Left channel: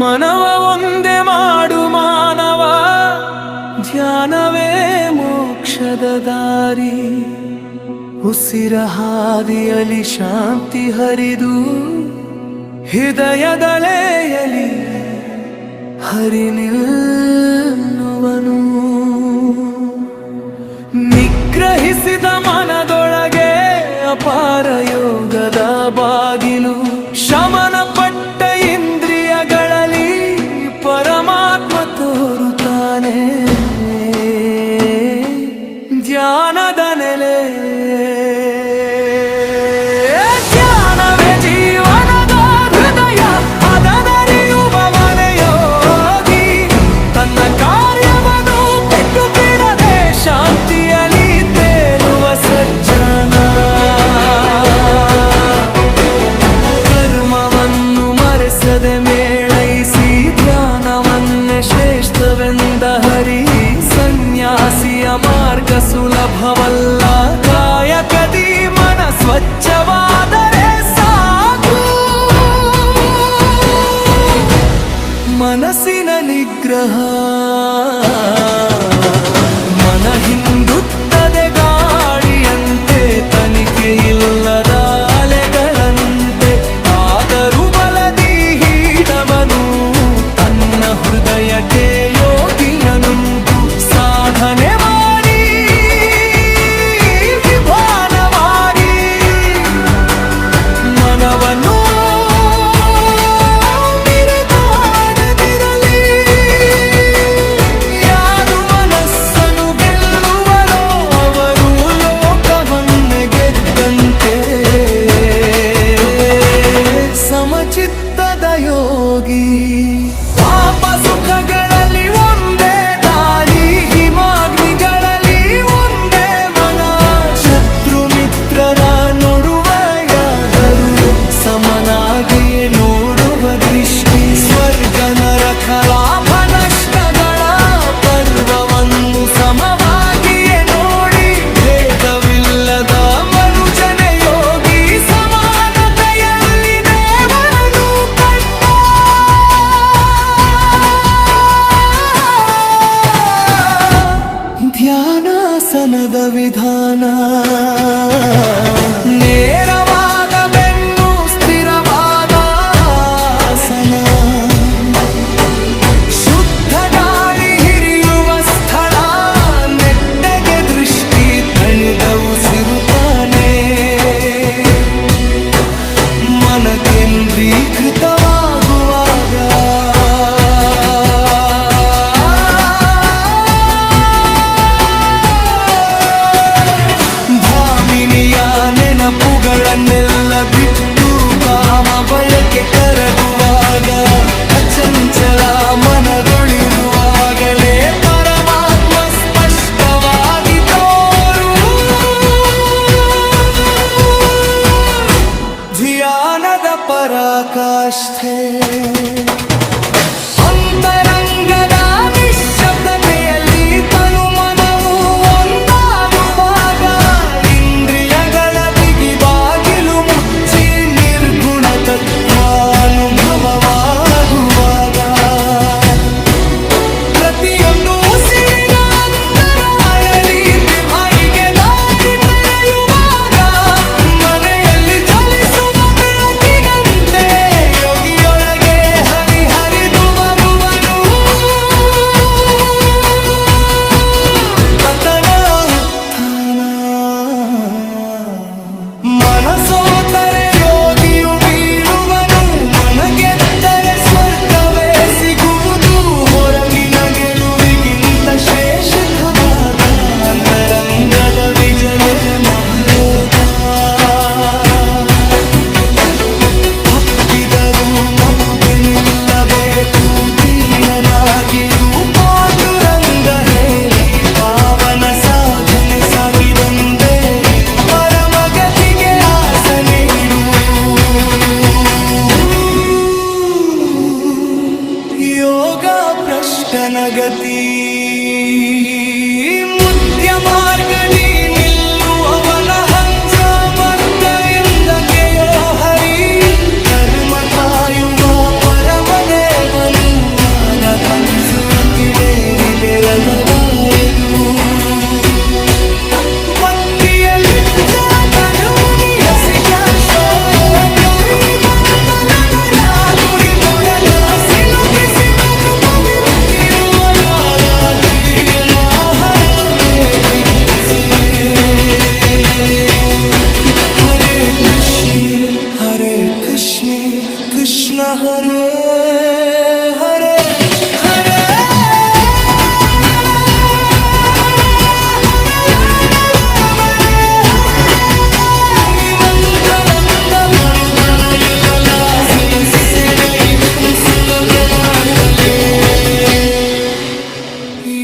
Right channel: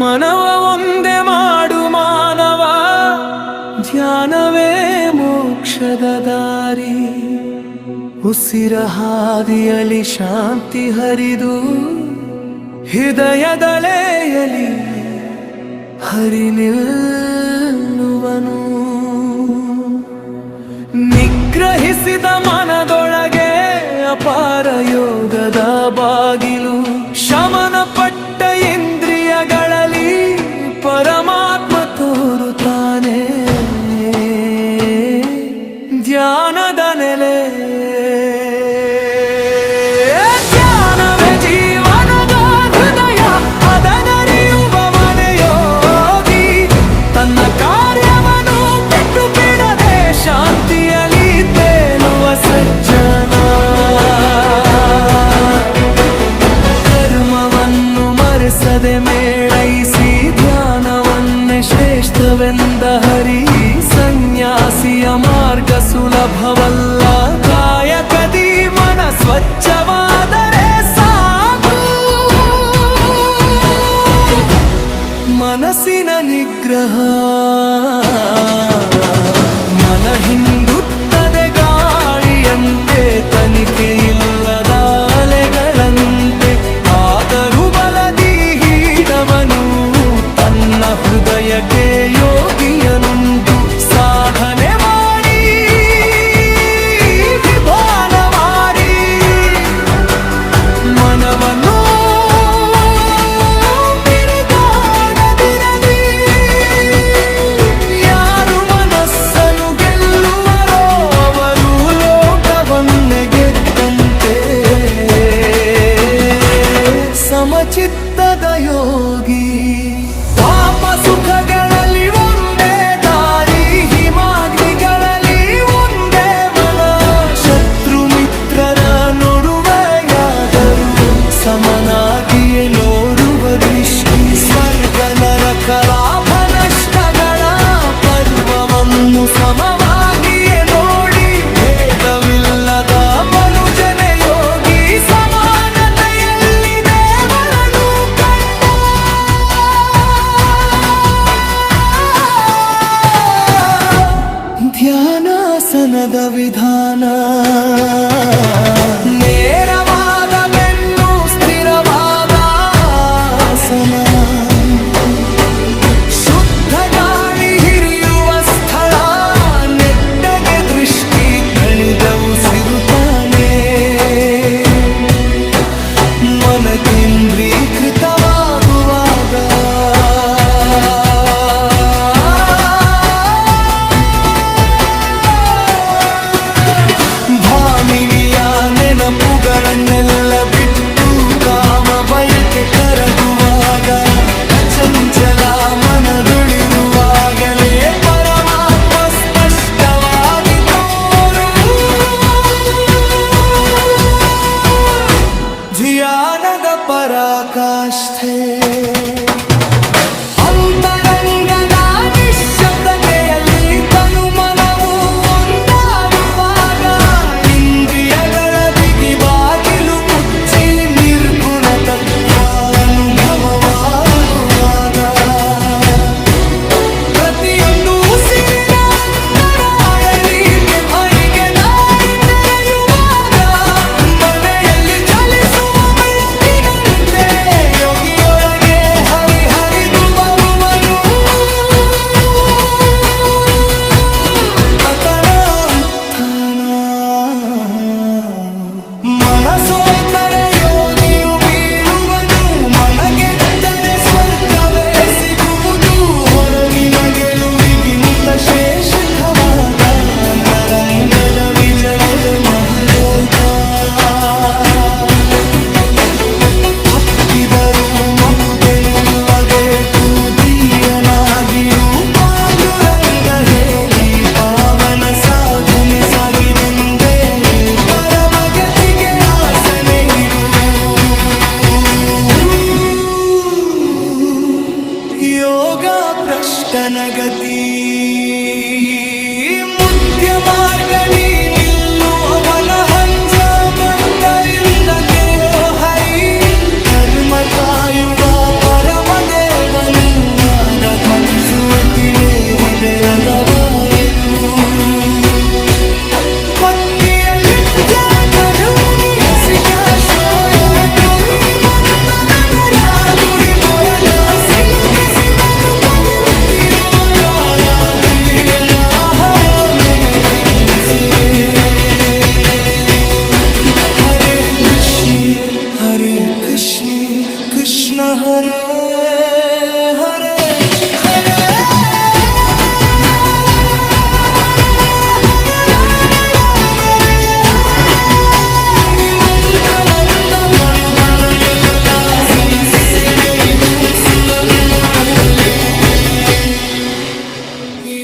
ಮನವ ಒಂದೇ ಮಾಡು ಮಾನವ, ಧ್ಯಾನವೇ ಮೋಕ್ಷದ ದಾರಿ. ಉಸಿರ ಹಾದಿಯಲಿ ಶಾಂತಿ ಹರಿದು, ಹೃದಯದಲೆಯಲಿ ಹರಿ ನಿಲ್ಲುವನು. ನಿಗ್ರಹಿಸಿದ ಮನದೊಳಗೆ ಅಪಾರ ಯೋಗದ ಬಾಗಿಲು. ಶಮನ ಪಟ್ಟ ಇಂದ್ರಿಯಗಳಲ್ಲಿ ಪರಮಾತ್ಮ ತೋರುತ್ತಾನೆ. ಧ್ಯಾನದ ನೆಲೆ, ಧ್ಯಾನವೇ ಜೀವನದ ಹೃದಯ, ಅದನರಿಯುವವನೇ ಯೋಗಿ. ತನ್ನ ಕಾರ್ಯವನ್ನು ಬಿಟ್ಟು ಬಿಡದೆ ಶಾಂತಿಯಲ್ಲಿ ತೇಲುವ ಸಜ್ಜನ. ಕರ್ಮವನ್ನು ಮರೆಸದೆ ಮೇಳೈಸಿ ಧ್ಯಾನವನ್ನೇ ಶ್ರೇಷ್ಠವೆಂದ ಹರಿ. ಸನ್ಯಾಸಿಯ ಮಾರ್ಗ ಸುಲಭವಲ್ಲ, ಕಾಯಕದಿ ಮನ ಸ್ವಚ್ಛವಾದರೆ ಸಾಕು. ಮನಸ್ಸಿನ ನಿಗ್ರಹ, ಮನ ಹಿಂದುತ್ತದೆ ಗಾಳಿಯಂತೆ, ತನಿಖೆ ಇಲ್ಲದ ಅಲೆಗಳಂತೆ. ಆದರೂ ಬಲದಿ ಹೀಡವನು ತನ್ನ ಹೃದಯಕ್ಕೆ ಯೋಗಿಯನುಂಟು. ಸಾಧನೆ ಮಾಡಿ ವಿಭಾನವಾರಿ ಮನವನ್ನು ಬಿರುಗಾಡದಿರಲಿ. ಯಾರು ಮನಸ್ಸನ್ನು ಗೆಲ್ಲುವರೋ ಅವರು ಲೋಕವನ್ನೇ ಗೆದ್ದಂತೆ. ಸಮಚಿತ್ತದ ಯೋಗಿ, ಪಾಪ ಸುಖಗಳಲ್ಲಿ ಒಂದೇ ದಾರಿ, ಹಿಮಾಗ್ನಿಗಳಲ್ಲಿ ಒಂದೇ ಮನ. ಶತ್ರು ಮಿತ್ರರ ನೋಡುವೆಯಾದರೂ ಸಮನಾಗಿಯೇ ನೋಡುವ ದೃಷ್ಟಿ. ಸ್ವರ್ಗ ನರಕ ಲಾಭ ನಷ್ಟಗಳ ಪರ್ವವನ್ನು ಸಮವಾಗಿಯೇ ನೋಡಿ. ಭೇದವಿಲ್ಲದ ಮನುಜನೆ ಯೋಗಿ, ಸಮಾನತೆಯಲ್ಲಿ ದೇವರನ್ನು ಕಂಡ. ಧ್ಯಾನಾಸನದ ವಿಧಾನ, ನೇರವಾದ ಬೆನ್ನು ಸ್ಥಿರವಾದ ಆಸನ. ಶುದ್ಧ ಗಾಳಿ ಹಿರಿಯುವ ಸ್ಥಳ, ನೆಟ್ಟಗೆ ದೃಷ್ಟಿ ತಣಿದ ಉಸಿರುತ್ತಾನೆ. ಮನ ಕೇಂದ್ರೀಕೃತವಾಗುವಾಗ ಭಾಮಿನಿಯ ನೆನಪುಗಳನ್ನೆಲ್ಲ ಬಿಟ್ಟು ಕಾಮ ಬಯಕೆ ಕರಗುವಾಗ. ಅಚಂಚಲ ಮನದೊಳಿರುವಾಗಲೇ ಪರಮಾತ್ಮ ಸ್ಪಷ್ಟವಾಗಿ ತೋರು. ಧ್ಯಾನದ ಪರಾಕಾಷ್ಠೆ, ಅಂತರಂಗದ ನಿಶ್ಶಬ್ದತೆಯಲ್ಲಿ ತನು ಮನವು ಒಂದಾಗುವಾಗ. ಇಂದ್ರಿಯಗಳ ಬಿಗಿ ಬಾಗಿಲು ಮುಚ್ಚಿ ನಿರ್ಗುಣ ತತ್ವಾನುಭವವಾಗುವಾಗ. ಪ್ರತಿಯೊಂದು ಉಸಿರಿನ ಅಂತರಾಳದಿ ಮೈಗೆ ದಾರಿ ತೆರೆಯುವಾಗ. ಮನೆಯಲ್ಲಿ ಚಲಿಸುವ ಬೆಳಕಿನಂತೆ ಯೋಗಿಯೊಳಗೆ ಹರಿದು ಬರುವನು. ಪತನ ಉತ್ಥಾನ, ಮನಸೋತರೆ ಯೋಗಿಯು ಬೀಳುವನು. ಮನಗೆತ್ತರೆ ಸ್ವರ್ಗವೇ ಸಿಗುವುದು. ಹೊರಗಿನ ಗೆಲುವಿಗಿಂತ ಶ್ರೇಷ್ಠವಾದ ಅಂತರಂಗದ ವಿಜಯವೇ ಮಹಾಯೋಗ. ಹಪ್ಪಿದರೂ ಮತ್ತೆ ನಿಲ್ಲಬೇಕು, ತೀಯನಾಗಿರು ಪಾಂಡುರಂಗ ಹೇಳಿ. ಪಾವನ ಸಾಧನೆ ಸಾಗಿದೆಂದೇ ಪರಮಗತಿಗೆ ಆಸನೆ ಇಡು. ಯೋಗ ಪ್ರಶ್ನನ ಗತಿ ಮುತ್ತ ಸತ್ಯ ಮಾರ್ಗದಿ ನಿಲ್ಲುವವನ ಹಂಸ ಮತ್ತಯಿಂದಕೆಯೋ ಹರಿ ಧರ್ಮ ಕಾಯುವ ಪರಮದೇವನು ಆರಾತ್ಮ ಸೋತಿಲೇರಿ ಬೆರದವಾಯದು ಬತ್ತಿಯಲಿಟ್ಟ ಗದೂನಿ ಹಸಿಕ ಶೋಯ ನೋಯಿ ಮಂದಲಗಳ ದುಡಿ ಮರದ ಸಿಲುಕಿಸಿದ ತುಕವಿನುತ್ತಿರುವ ರಾಯಾತಿಯ ಮಾಹರ ಮೇಘಿಸೆ ಹರೇ ಕೃಷ್ಣ ಕೃಷ್ಣ ಹರೇ ಹರೇ ಹರೇ ಎಲ್ಲ ಸಮಸ್ಯೆನ ಇನ್ನೂ ಸುಲಭ ಮಾಡ್ತಲೇ ಈ